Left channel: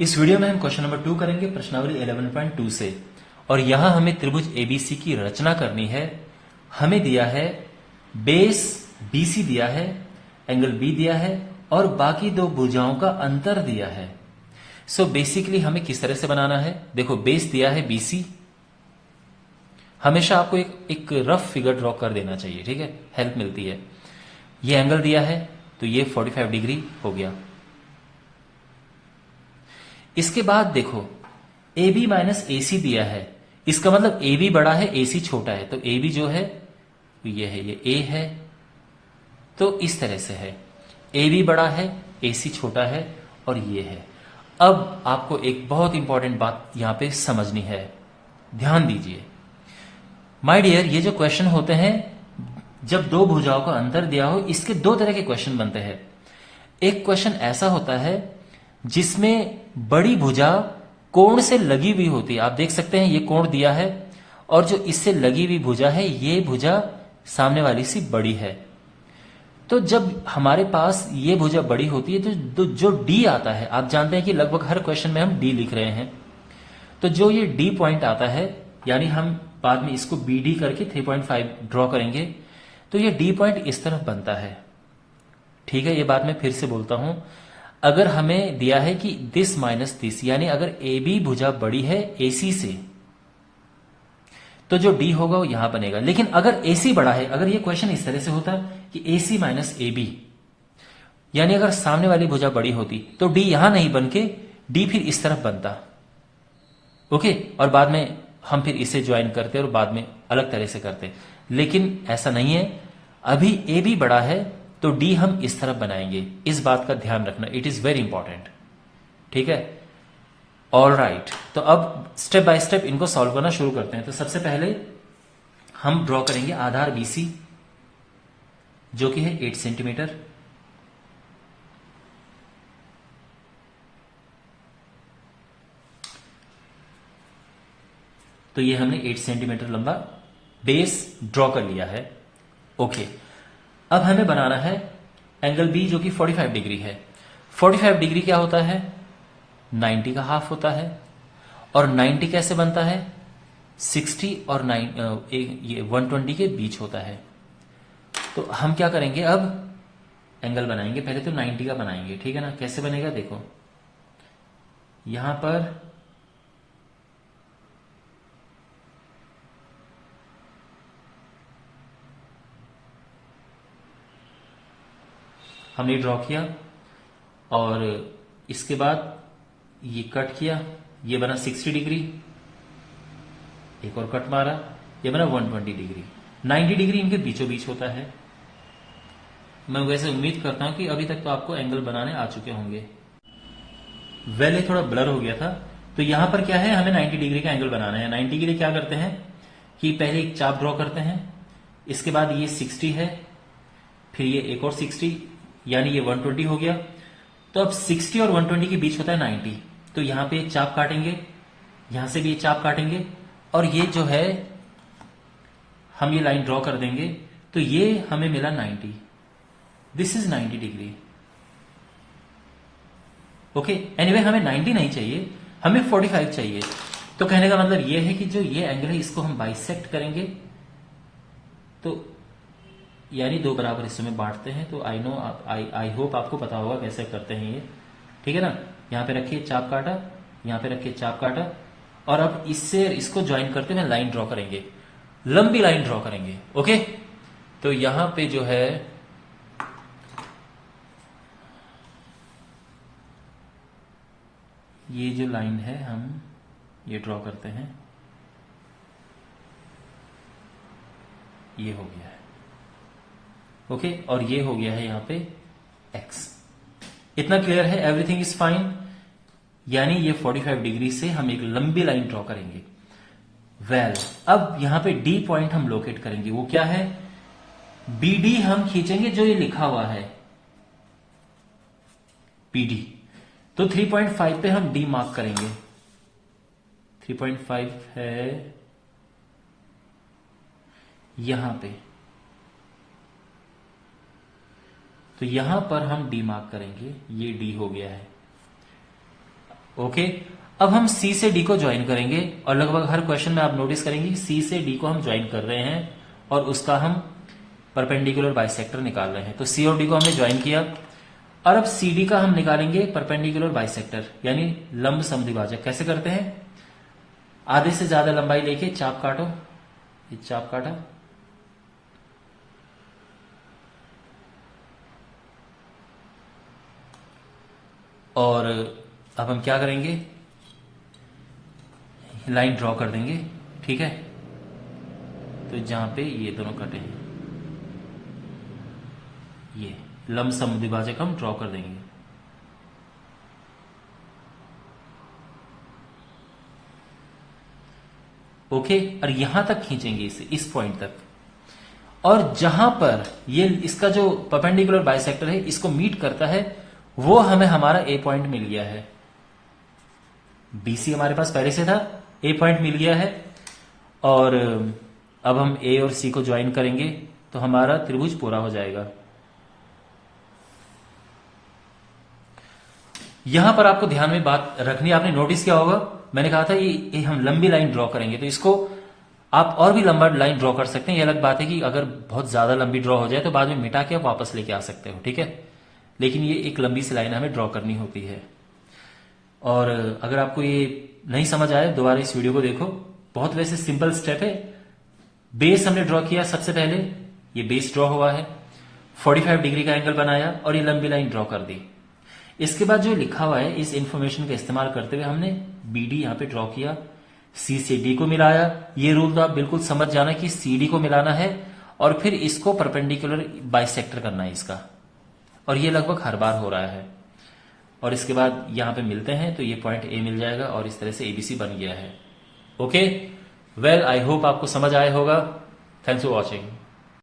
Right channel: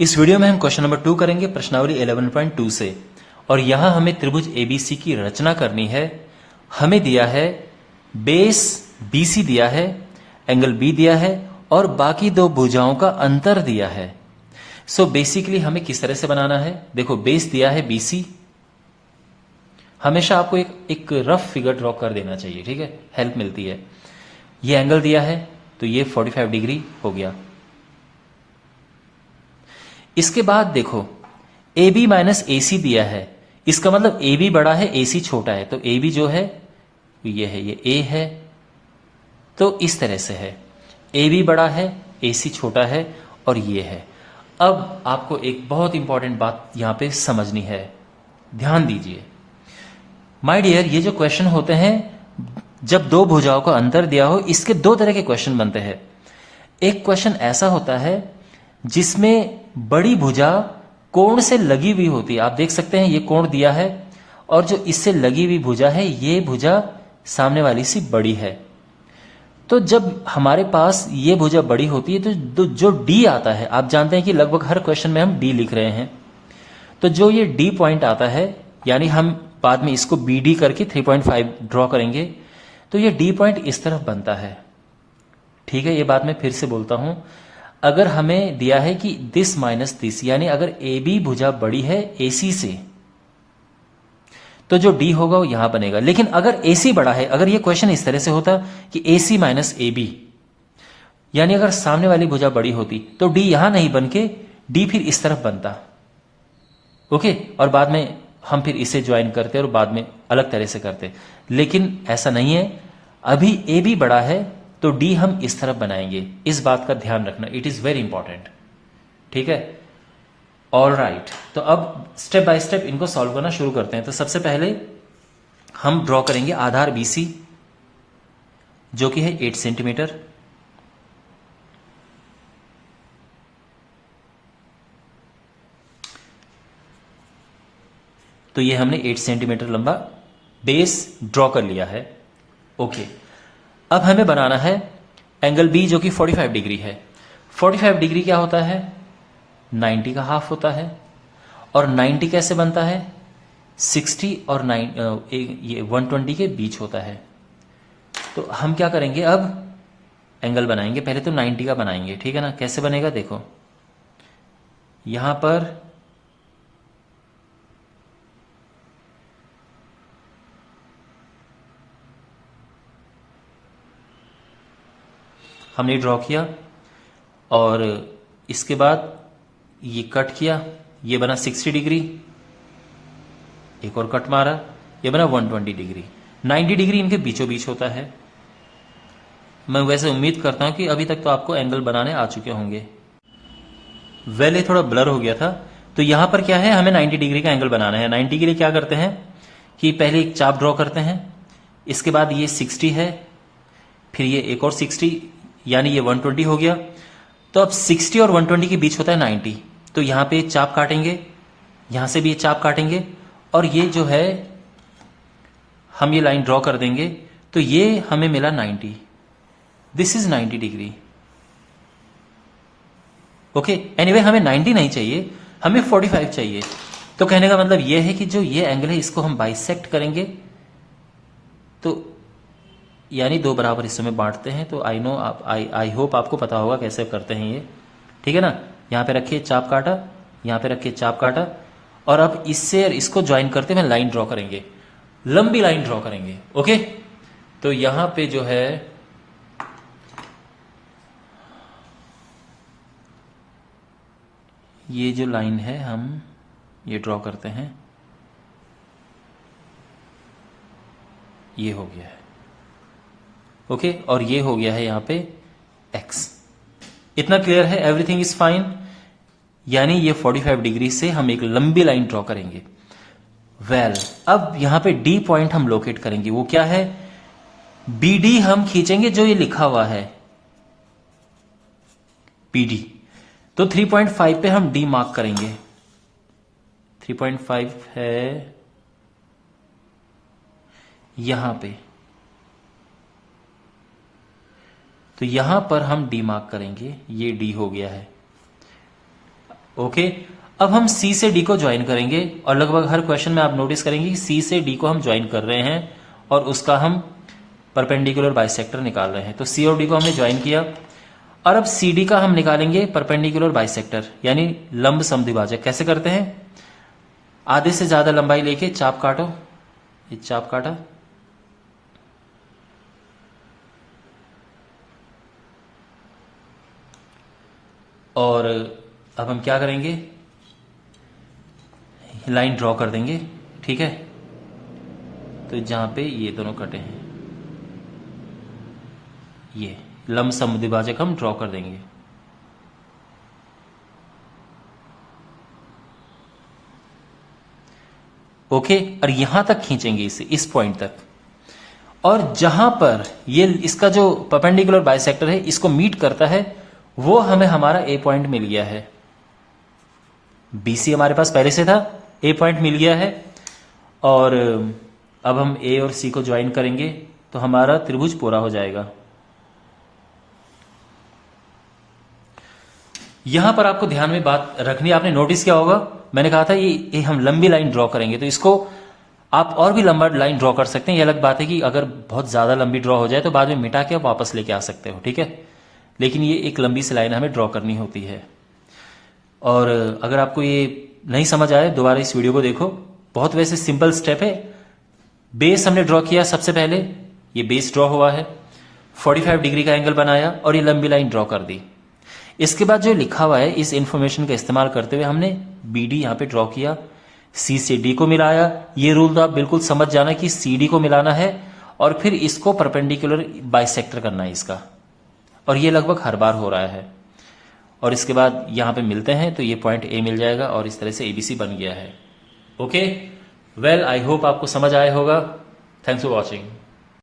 इस वीडियो में हम क्वेश्चन नंबर 2 करेंगे प्रश्नावली 11.2 से। और यहां हमें त्रिभुज एबीसी की रचना करनी है। हमें दिया है बेस बीसी दिया है, एंगल बी दिया है और बाकी दो भुजाओं का अंतर दिया है। सो बेसिकली हमें किस तरह से बनाना है, देखो बेस दिया है बीसी। हमेशा आपको एक रफ फिगर ड्रॉ कर देना चाहिए, ठीक है, हेल्प मिलती है। ये एंगल दिया है तो ये 45 डिग्री हो गया। इसके बाद देखो ए बी माइनस ए सी दिया है, इसका मतलब ए बी बड़ा है ए सी छोटा है। तो ए बी जो है ये है, ये ए है, तो इस तरह से है, ए बी बड़ा है ए सी छोटा है और ये है। अब आपको एक बहुत इंपॉर्टेंट बात यहां पे समझनी है, ध्यान दीजिए माय डियर। ये जो क्वेश्चन होते हैं जब दो भुजाओं का अंतर दिया हो, इसके दो तरह के क्वेश्चन बनते हैं। एक क्वेश्चन ऐसा होता है जिसमें बड़ी भुजा कोण से लगी हुई होती है। आप देख सकते हैं ये कोण दिया है और जो इससे लगी हुई भुजा है ये भुजा सामने वाली सी बड़ी है। तो जब हमारे पास ये भुजा बड़ी होती है तो जो डी आता है, आप जानते हैं कि लगभग हर क्वेश्चन में हम डी लिख रहे हैं, तो जो ये डी पॉइंट आता है, यानी हम बाद में इसको बी डी करके 3.5 ड्रॉ करेंगे, तो ये डी पॉइंट इस तरफ बनता है। ठीक है, ये बात मैं फिर से बोलता हूं। अगर हमें दिया है कि दिस माइनस दिस, यानी अगर ए बी भुजा बड़ी है ए सी से, तो जो डी होगा वो यहां बनेगा। लेकिन अगर ए सी बड़ा है, अगर ये क्वेश्चन इस तरह से होता कि ए सी माइनस ए बी, यानी अगर सामने वाली भुजा बड़ी होती तो डी यहां नहीं बन के डी फिर इस तरफ बनता। ओके, और बाद में हम फिर इसे ज्वाइन करते और बाद में अलग तरह से करते, लेकिन ऐसा नहीं है। अभी ए बी बड़ा है तो डी हम इस तरफ बनाएंगे, इस बात का ध्यान रखना, इट इज वेरी इंपॉर्टेंट। ठीक है, ऑल राइट। तो अब स्टेप बाय स्टेप इनको सॉल्व करना शुरू करते हैं। तो सबसे पहले हम ड्रॉ करेंगे आधार बीसी जो कि है 8 सेंटीमीटर। तो ये हमने 8 सेंटीमीटर लंबा बेस ड्रॉ कर लिया है। ओके, अब हमें बनाना है एंगल बी जो कि 45 डिग्री है। 45 डिग्री क्या होता है, 90 का हाफ होता है। और 90 कैसे बनता है, 60 और 120 के बीच होता है। तो हम क्या करेंगे, अब एंगल बनाएंगे। पहले तो 90 का बनाएंगे, ठीक है ना। कैसे बनेगा, देखो यहां पर हमने ड्रॉ किया और इसके बाद ये कट किया, ये बना 60 डिग्री, एक और कट मारा, ये बना 120 डिग्री। 90 डिग्री इनके बीचों बीच होता है। मैं वैसे उम्मीद करता हूं कि अभी तक तो आपको एंगल बनाने आ चुके होंगे। वेल ये थोड़ा ब्लर हो गया था। तो यहां पर क्या है, हमें 90 डिग्री का एंगल बनाना है। 90 के लिए क्या करते हैं कि पहले एक चाप ड्रॉ करते हैं, इसके बाद ये 60 है, फिर ये एक और 60, यानी ये 120 हो गया। तो अब 60 और 120 के बीच होता है 90। तो यहां पे चाप काटेंगे, यहां से भी चाप काटेंगे और ये जो है हम ये लाइन ड्रॉ कर देंगे। तो ये हमें मिला 90, this is 90 degree. Okay, anyway हमें 90 नहीं चाहिए, हमें 45 चाहिए। तो कहने का मतलब ये है कि जो ये एंगल है इसको हम बाइसेक्ट करेंगे, तो यानी दो बराबर हिस्सों में बांटते हैं। तो आई होप आपको पता होगा कैसे करते हैं ये, ठीक है ना। यहां पे रखिए चाप काटा, यहां पे रखिए चाप काटा, और अब इससे इसको ज्वाइन करते हुए लाइन ड्रॉ करेंगे, लंबी लाइन ड्रॉ करेंगे। ओके, तो यहां पे जो है ये जो लाइन है हम ये ड्रॉ करते हैं, ये हो गया है। ओके, और ये हो गया है यहां पे x। इतना क्लियर है, एवरीथिंग इज फाइन। यानी ये 45 डिग्री से हम एक लंबी लाइन ड्रॉ करेंगे। वेल अब यहां पे डी पॉइंट हम लोकेट करेंगे, वो क्या है, बी डी हम खींचेंगे जो ये लिखा हुआ है पी डी। तो 3.5 पे हम डी मार्क करेंगे। 3.5 है यहां पे, तो यहां पर हम डी मार्क करेंगे, ये डी हो गया है। ओके, अब हम सी से डी को ज्वाइन करेंगे और लगभग हर क्वेश्चन में आप नोटिस करेंगे सी से डी को हम ज्वाइन कर रहे हैं और उसका हम परपेंडिकुलर बाइसेक्टर निकाल रहे हैं। तो सी और डी को हमने ज्वाइन किया और अब सी डी का हम निकालेंगे परपेंडिकुलर बाइसेक्टर यानी लंब समद्विभाजक। कैसे करते हैं? आधे से ज्यादा लंबाई लेके चाप काटो, ये चाप काटा, और अब हम क्या करेंगे, लाइन ड्रॉ कर देंगे। ठीक है, तो जहां पे ये दोनों कटे हैं ये लंब समद्विभाजक हम ड्रॉ कर देंगे। ओके, और यहां तक खींचेंगे इसे, इस पॉइंट तक, और जहां पर ये इसका जो परपेंडिकुलर बाइसेक्टर है इसको मीट करता है वो हमें हमारा ए पॉइंट मिल गया है। बीसी हमारे पास पहले से था, ए पॉइंट मिल गया है, और अब हम ए और सी को ज्वाइन करेंगे तो हमारा त्रिभुज पूरा हो जाएगा। यहां पर आपको ध्यान में बात रखनी, आपने नोटिस किया होगा मैंने कहा था ये हम लंबी लाइन ड्रॉ करेंगे, तो इसको आप और भी लंबा लाइन ड्रॉ कर सकते हैं। ये अलग बात है कि अगर बहुत ज्यादा लंबी ड्रॉ हो जाए तो बाद में मिटा के आप वापस लेके आ सकते हो, ठीक है, लेकिन ये एक लंबी सी लाइन हमें ड्रॉ करनी होती है। और अगर आपको ये नहीं समझ आया दोबारा इस वीडियो को देखो, बहुत वैसे सिंपल स्टेप है। बेस हमने ड्रॉ किया, सबसे पहले ये बेस ड्रॉ हुआ है, 45 डिग्री का एंगल बनाया और ये लंबी लाइन ड्रॉ कर दी। इसके बाद जो लिखा हुआ है इस इंफॉर्मेशन का इस्तेमाल करते हुए हमने बी डी यहां पे ड्रॉ किया, सी से डी को मिलाया। ये रूल तो आप बिल्कुल समझ जाना कि सी डी को मिलाना है और फिर इसको परपेंडिकुलर बाइसेक्टर करना है इसका, और ये लगभग हर बार हो रहा है। और इसके बाद यहां पे मिलते हैं तो ये पॉइंट ए मिल जाएगा और इस तरह से एबीसी बन गया है। ओके, वेल आई होप आपको समझ आया होगा। Thanks for watching.